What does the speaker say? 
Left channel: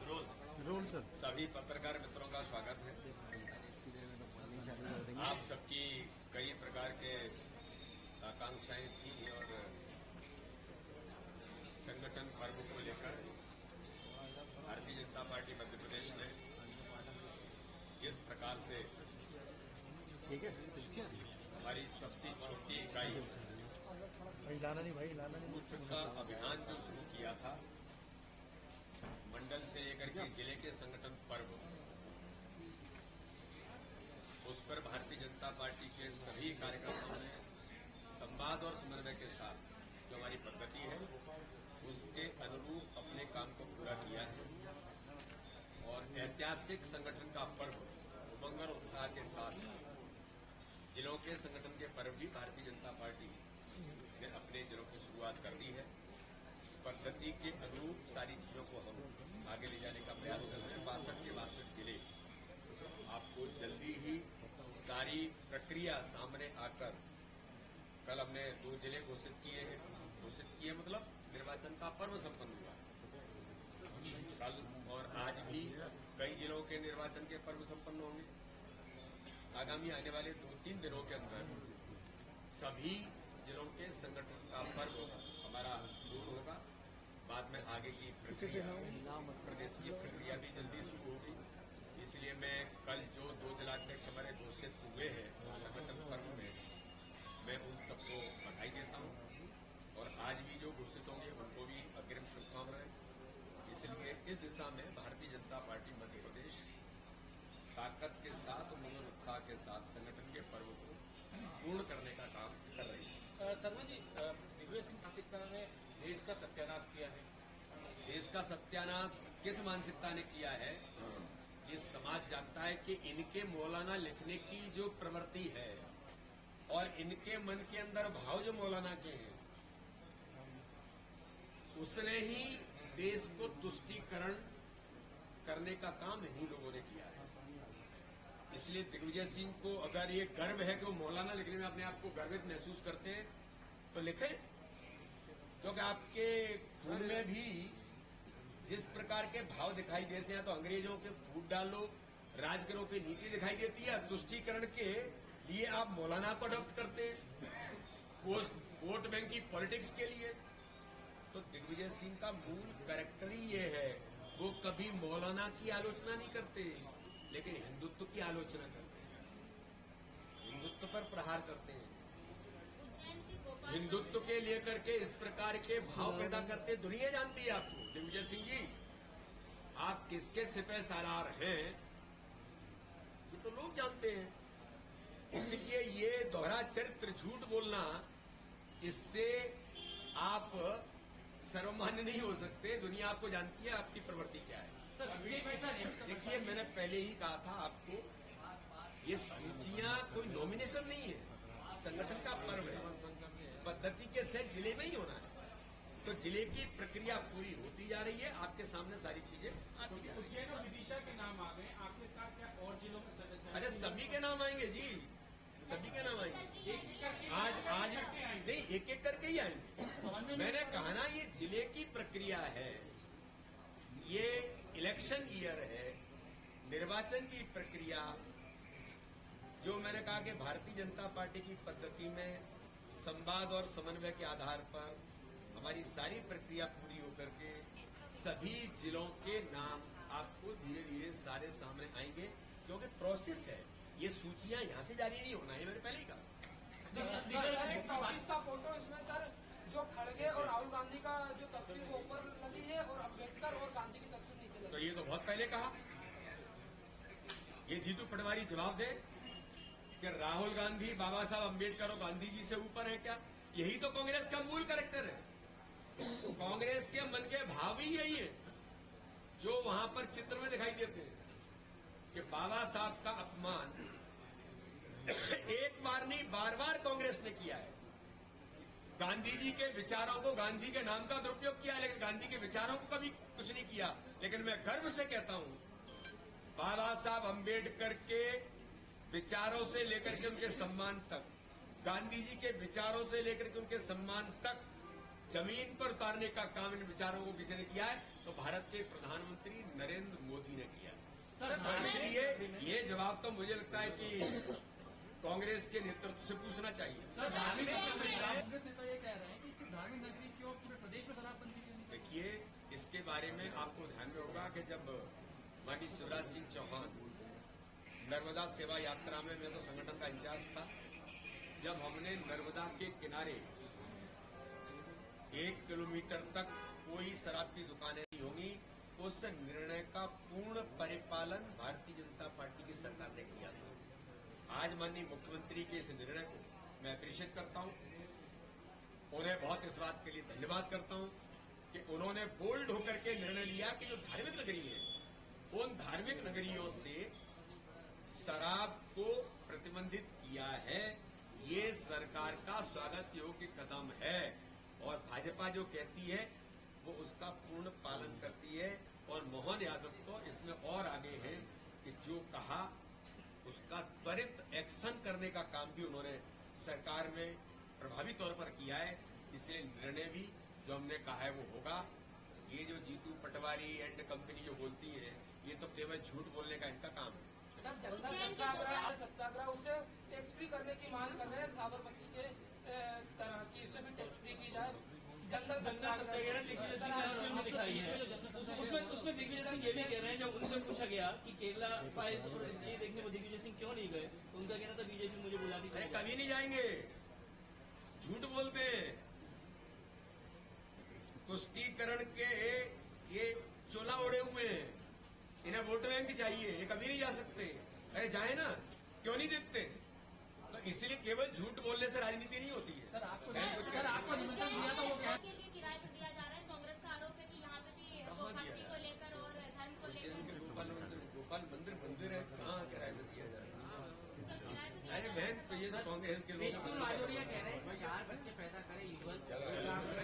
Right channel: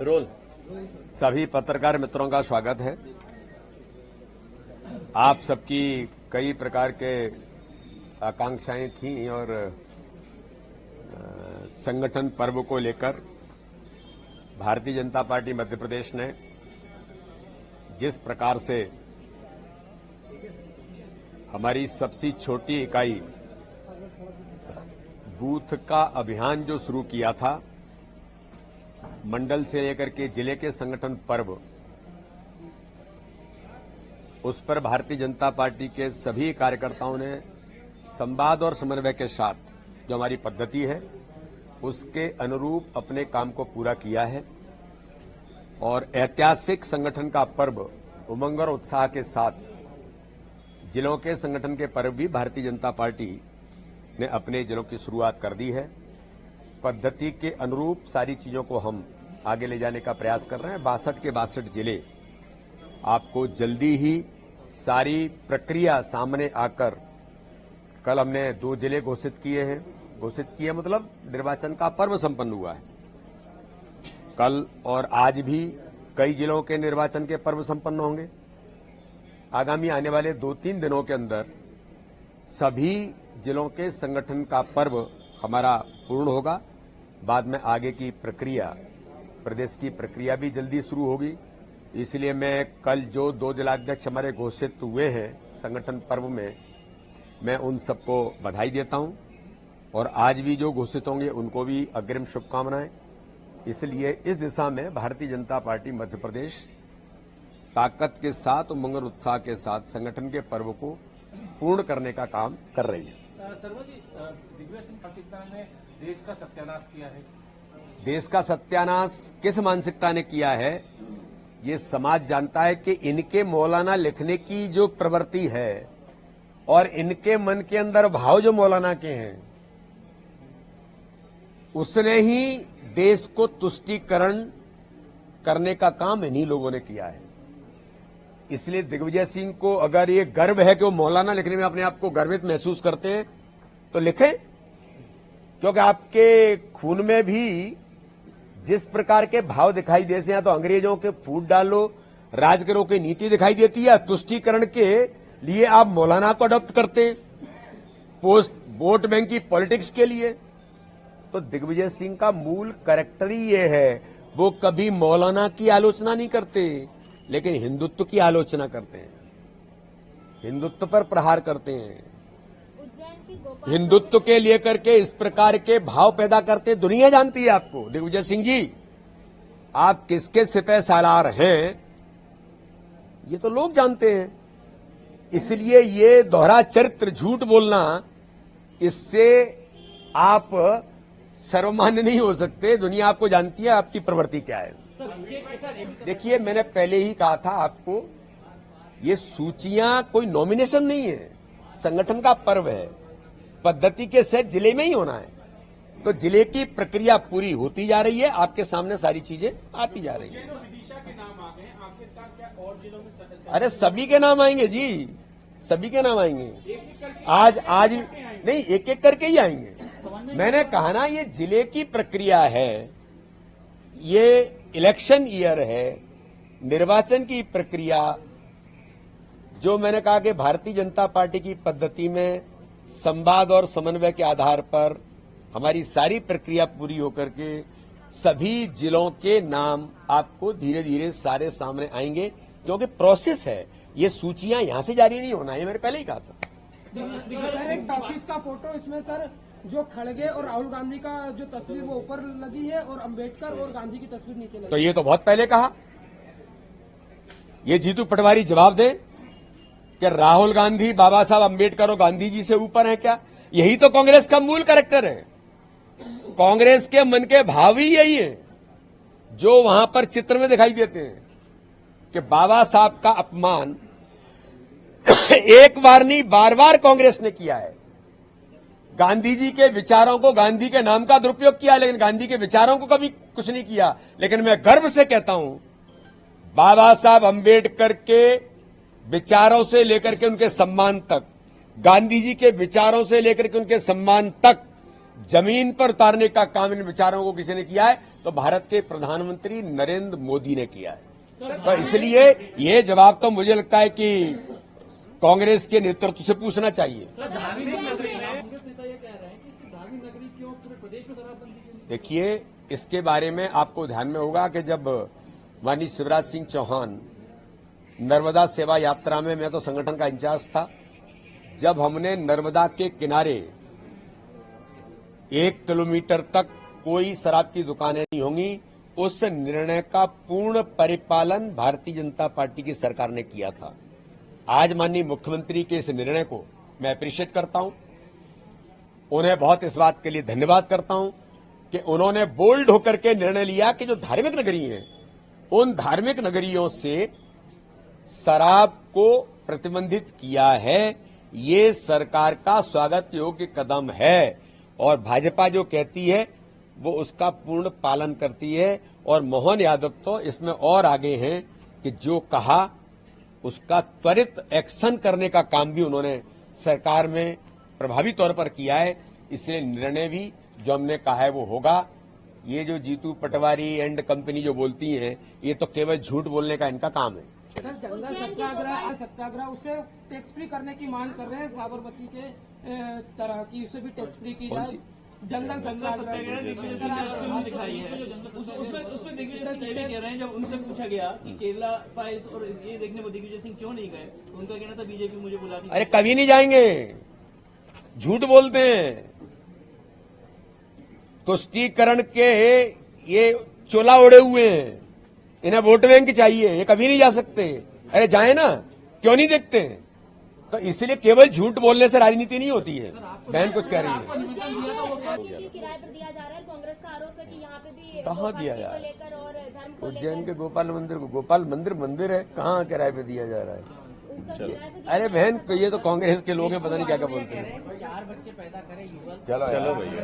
Role सभी पत्रकार मित्रों का स्वागत है। आप सबकी कई प्रकार के आकांक्षाएं थीं और संगठन पर्व को लेकर भारतीय जनता पार्टी मध्य प्रदेश ने जिस प्रकार से हमारी सबसे छोटी इकाई बूथ का अभियान जो शुरू किया था, मंडल से लेकर के जिले के संगठन पर्व, उस पर भारतीय जनता पार्टी के सभी कार्यकर्ताओं ने संवाद और समन्वय के साथ जो हमारी पद्धति है उसके अनुरूप अपने काम को पूरा किया है और ऐतिहासिक संगठन का पर्व उमंग और उत्साह के साथ जिलों के संगठन के पर्व भी भारतीय जनता पार्टी ने अपने जिलों की शुरुआत कर दी है। पद्धति के अनुरूप सारी चीजों को हम आगे ले जाने का प्रयास कर रहे हैं। 62 के 62 जिले आपको जल्दी ही सारी प्रक्रिया सामने आकर, कल हमने 2 जिले घोषित किए मतलब निर्वाचन का पर्व संपन्न हुआ है। कल और आज भी कई जिलों के निर्वाचन के पर्व संपन्न होंगे। आगामी आने वाले 2-3 दिनों के अंदर सभी जिलों के संगठन का पर्व हमारा पूर्ण होगा। बाद में आगे की प्रक्रिया, प्रदेश की प्रक्रिया भी जल्दी शुरू होगी। इसलिए मैं कल जो 2 जिलाध्यक्ष हमारे घोषित हुए हैं संगठन पर्व में, मैं उन सबको बधाई देता हूं और आज भी जो घोषित होंगे उनको भी अग्रिम शुभकामनाएं। इसलिए इस दिशा में भारतीय जनता पार्टी मध्य प्रदेश ताकत के साथ, उमंग और उत्साह के साथ संगठन के पर्व को पूर्ण करने का काम कर रही है। शर्मा जी, दिग्विजय सिंह मानसिकता ने देश का सत्यानाश किया है। देश का सत्यानाश किस मानसिकता ने किया है, ये समाज जानता है कि इनके मौलाना लिखने की जो प्रवृत्ति है और इनके मन के अंदर भाव जो मौलाना के हैं, उसने ही देश को तुष्टीकरण करने का काम इन्हीं लोगों ने किया है। इसलिए दिग्विजय सिंह को अगर ये गर्व है कि वो मौलाना लिखने में अपने आप को गर्वित महसूस करते हैं तो लिखें, क्योंकि आपके खून में भी जिस प्रकार के भाव दिखाई देते हैं, तो अंग्रेजों के फूट डालो, राज करो की नीति दिखाई देती है, तुष्टीकरण के लिए आप मौलाना को अडॉप्ट करते हैं, पोस्ट वोट बैंक की पॉलिटिक्स के लिए। तो दिग्विजय सिंह का मूल कैरेक्टर ही ये है, वो कभी मौलाना की आलोचना नहीं करते लेकिन हिंदुत्व की आलोचना करते हैं, हिंदुत्व पर प्रहार करते हैं, हिंदुत्व के लिए करके इस प्रकार के भाव पैदा करते। दुनिया जानती है आपको। दिग्विजय सिंह जी, आप किसके सिपह सालार हैं ये तो लोग जानते हैं। इसलिए ये दोहरा चरित्र, झूठ बोलना, इससे आप सर्वमान्य नहीं हो सकते। दुनिया आपको जानती है आपकी प्रवृत्ति क्या है। देखिए, मैंने पहले ही कहा था आपको, ये सूचियां कोई नॉमिनेशन नहीं है, संगठन का पर्व है। पद्धति के सेट जिले में ही होना है, तो जिले की प्रक्रिया पूरी होती जा रही है, आपके सामने सारी चीजें आती जा रही है। विदिशा के नाम आ गए, आखिरकार क्या और जिलों में सदस्य? अरे सभी के नाम आएंगे जी, सभी के नाम आएंगे। आज नहीं, एक एक करके ही आएंगे। मैंने कहा ना, ये जिले की प्रक्रिया है, ये इलेक्शन ईयर है, निर्वाचन की प्रक्रिया। जो मैंने कहा कि भारतीय जनता पार्टी की पद्धति में संवाद और समन्वय के आधार पर हमारी सारी प्रक्रिया पूरी होकर के सभी जिलों के नाम आपको धीरे धीरे सारे सामने आएंगे, क्योंकि प्रोसेस है। ये सूचियां यहां से जारी नहीं होना है, मैंने पहले ही कहा था। एक ऑफिस का फोटो इसमें सर, जो खड़गे और राहुल गांधी का जो तस्वीर वो ऊपर लगी है और अंबेडकर और गांधी की तस्वीर नीचे लगी। तो ये तो बहुत पहले कहा। ये जीतू पटवारी जवाब दे कि राहुल गांधी बाबा साहब अंबेडकर और गांधी जी से ऊपर है क्या? यही तो कांग्रेस का मूल कैरेक्टर है। कांग्रेस के मन के भाव ही यही है जो वहां पर चित्र में दिखाई देते हैं कि बाबा साहब का अपमान एक बार नहीं, बार बार कांग्रेस ने किया है। गांधी जी के विचारों को, गांधी के नाम का दुरुपयोग किया, लेकिन गांधी के विचारों को कभी कुछ नहीं किया। लेकिन मैं गर्व से कहता हूं, बाबा साहब अंबेडकर के विचारों से लेकर के उनके सम्मान तक, गांधी जी के विचारों से लेकर के उनके सम्मान तक जमीन पर उतारने का काम इन विचारों को किसी ने किया है तो भारत के प्रधानमंत्री नरेंद्र मोदी ने किया है। तो इसलिए ये जवाब तो मुझे लगता है कि कांग्रेस के नेतृत्व से पूछना चाहिए। देखिए, इसके बारे में आपको ध्यान में होगा कि जब माननीय शिवराज सिंह चौहान नर्मदा सेवा यात्रा में, मैं तो संगठन का इंचार्ज था, जब हमने नर्मदा के किनारे 1 किलोमीटर तक कोई शराब की दुकानें नहीं होंगी, उस निर्णय का पूर्ण परिपालन भारतीय जनता पार्टी की सरकार ने किया था। आज माननीय मुख्यमंत्री के इस निर्णय को मैं अप्रिशिएट करता हूं, उन्हें बहुत इस बात के लिए धन्यवाद करता हूं कि उन्होंने बोल्ड होकर के निर्णय लिया कि जो धार्मिक नगरी हैं, उन धार्मिक नगरियों से शराब को प्रतिबंधित किया है। ये सरकार का स्वागत योग्य कदम है और भाजपा जो कहती है वो उसका पूर्ण पालन करती है। और मोहन यादव तो इसमें और आगे हैं कि जो कहा उसका त्वरित एक्शन करने का काम भी उन्होंने सरकार में प्रभावी तौर पर किया है। इसलिए निर्णय भी जो हमने कहा है वो होगा। ये जो जीतू पटवारी एंड कंपनी जो बोलती हैं, ये तो केवल झूठ बोलने का इनका काम है। सर, जंगल सत्याग्रह उसे टैक्स फ्री करने की मांग कर रहे हैं, साबरमती के तरह की उसे भी टैक्स फ्री की जाए। जंगल सत्याग्रह दिखाई है, उसमें दिग्विजय सिंह ये भी कह रहे हैं, जब उनसे पूछा गया कि केरला फाइल्स और ये देखने को दिग्विजय सिंह क्यों नहीं गए, तो उनका कहना था बीजेपी मुझे बुलाती। अरे कभी नहीं जाएंगे, झूठ बोलते हैं। तुष्टीकरण के ये चोला ओढ़े हुए हैं, इन्हें वोट बैंक चाहिए, ये कभी नहीं जा सकते। अरे जाए ना, क्यों नहीं देखते? तो इसलिए केवल झूठ बोलने से राजनीति नहीं होती है। बहन कुछ कह रही है। किराए पर दिया जा रहा है, कांग्रेस का आरोप है कि यहाँ पे भी कहाँ दिया जा रहा है? लेकर और धर्म को उज्जैन के गोपाल मंदिर है, कहाँ किराए पे दिया जा रहा है? चलो। अरे बहन, ये तो कांग्रेस के लोग हैं, पता नहीं क्या क्या बोलते हैं। 4 बच्चे पैदा करें युवा। चलो भैया।